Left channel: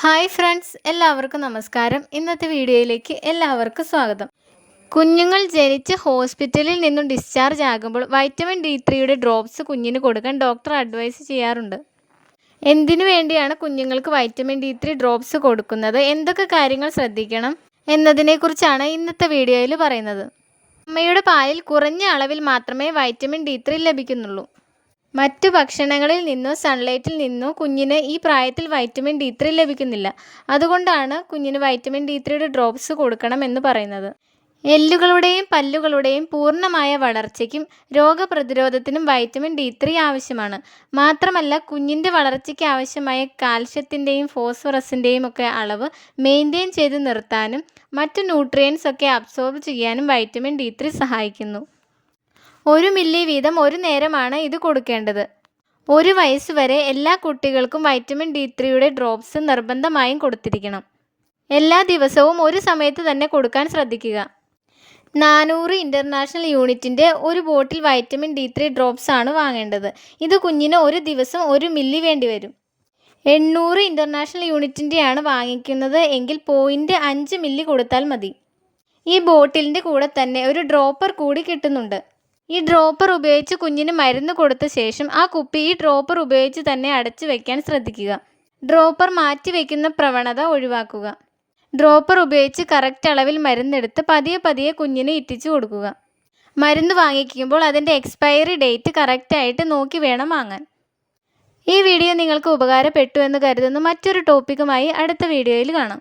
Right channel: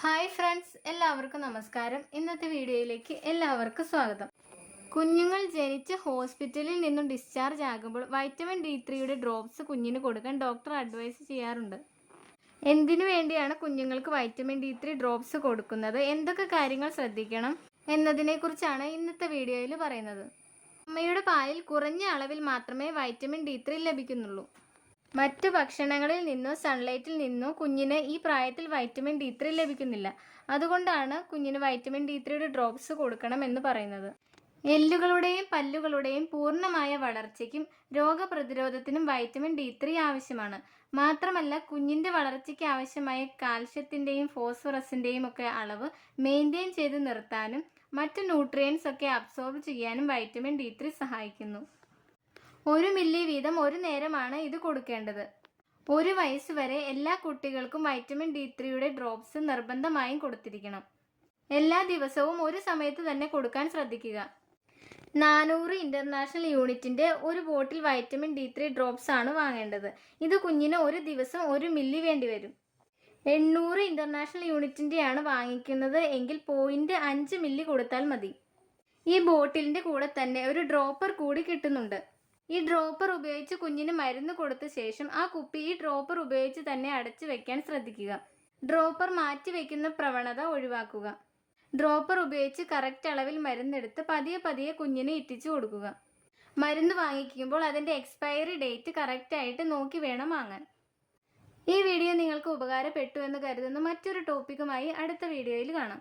Hi friends എല്ലാവർക്കും നമസ്കാരം. ഇന്നത്തെ വീഡിയോയിലേക്ക് എല്ലാവർക്കും സ്വാഗതം. കുഞ്ഞുങ്ങൾ ജനിച്ച് ഹോസ്പിറ്റലിൽ നിന്നും ഡിസ്ചാർജ് ആകുമ്പോൾ വൈറ്റമിൻ ഡി ത്രീയുടെ ഡ്രോപ്സ് കുഞ്ഞിന് കൊടുക്കാൻ ഡോക്ടർ അഡ്വൈസ് ചെയ്യാറുണ്ട്. എന്തിനു വേണ്ടിയാണ് കുഞ്ഞുങ്ങൾക്ക് വൈറ്റമിൻ ഡി ത്രീ ഡ്രോപ്സ് കൊടുക്കുന്നത്? എന്തൊക്കെ കാര്യങ്ങൾ ശ്രദ്ധിക്കണം എന്നതിനെക്കുറിച്ചാണ് ഇന്നത്തെ വീഡിയോയിൽ പറയുന്നത്. അമ്മയുടെ പാലിൽ കുറഞ്ഞ അളവിൽ മാത്രമേ വൈറ്റമിൻ ഡി ത്രീ ലഭിക്കുന്നുള്ളൂ. മറ്റു ഭക്ഷണങ്ങളിൽ നിന്നോ സൺലൈറ്റിൽ നിന്നോ കുഞ്ഞിന് ഈ പ്രായത്തിൽ വൈറ്റമിൻ ഡി ത്രീ ലഭിക്കുന്നില്ല. അതുകൊണ്ടാണ് കുഞ്ഞിന് വൈറ്റമിൻ ഡി ത്രീയുടെ ഡ്രോപ്സ് കൊടുക്കണം എന്ന് പറയുന്നത്. എല്ലുകളുടെയും പല്ലുകളുടെയും പൂർണമായ വളർച്ചയ്ക്കും രോഗപ്രതിരോധത്തിനും വൈറ്റമിൻ ഡി ത്രീ ആവശ്യമാണ്. മാത്രമല്ല കുഞ്ഞിന്റെ വളർച്ചയ്ക്ക് ആവശ്യമായ കാൽഷ്യത്തിന്റെയും ഫോസ്ഫറസിന്റെയും ഒക്കെ അളവ് മെയിന്റെയിൻ ചെയ്ത് നിർത്താനും മറ്റ് ന്യൂട്രിയൻസ് ഒക്കെ അബ്സോർബ് ചെയ്യാനും വൈറ്റമിൻ ഡി ത്രീ സഹായിക്കുന്നു. ഒരു മില്ലി വീതം ഒരു നേരമാണ് ഇത് കൊടുക്കേണ്ടത്. ഒരു വയസ്സ് വരെ എല്ലാ കുട്ടികൾക്കും വൈറ്റമിൻ ഡി ത്രീയുടെ ഡ്രോപ്സ് നിർബന്ധമായും കൊടുത്തിരിക്കണം. എല്ലാ ദിവസവും ഒരു സമയത്ത് തന്നെ കൊടുക്കാൻ ശ്രദ്ധിക്കുക. നാനൂറ് ഇന്റർനാഷണൽ യൂണിറ്റിന്റെ ഒരു bottle vitamin D three drops ആണ് വാങ്ങേണ്ടത്. ഇത് കുഞ്ഞിന് ഒരു ദിവസം ഒരു മില്ലി വേണ്ടി വരും. എണ്ണൂറ് ഇന്റർനാഷണൽ യൂണിറ്റിന്റെയാണ് വാങ്ങിക്കുന്നത് എങ്കിൽ പോയിന്റ് അഞ്ച് മില്ലി കൊടുത്താൽ മതി. ഈ ബോട്ടിലിന്റെ കൂടെ തന്നെ ഒരു ഡ്രോപ്പർ കൂടി കിട്ടുന്നുണ്ട്. ഈ ഡ്രോപ്പർ ഉപയോഗിച്ച് കുഞ്ഞിന് മരുന്ന് കൊടുത്ത ശേഷം ആ കുപ്പി ഈ ഡ്രോപ്പർ ഉപയോഗിച്ച് തന്നെ അടച്ചു വയ്ക്കാൻ ശ്രദ്ധിക്കുക. ഡ്രോപ്പർ മാറ്റി വയ്ക്കുന്ന പ്രവണത ഒഴിവാക്കുക. ഡ്രോപ്പർ ഉപയോഗിച്ച് കറക്റ്റ് അളവിൽ മരുന്നെടുത്ത് പതിയെ പതിയെ കുഞ്ഞിന് ഇറ്റിച്ചു കൊടുക്കുക. മരുന്ന് വാങ്ങിക്കുമ്പോൾ അതിന്റെ എക്സ്പയറി ഡേറ്റ് കറക്റ്റായിട്ട് നോക്കി വേണം വാങ്ങാൻ. ഈ വീഡിയോ നിങ്ങൾക്ക് ഉപകാരപ്പെട്ടു എന്ന് കരുതുന്നു. മറ്റൊരു ടോപ്പിക്കുമായി അടുത്ത വീഡിയോയിൽ കാണാം.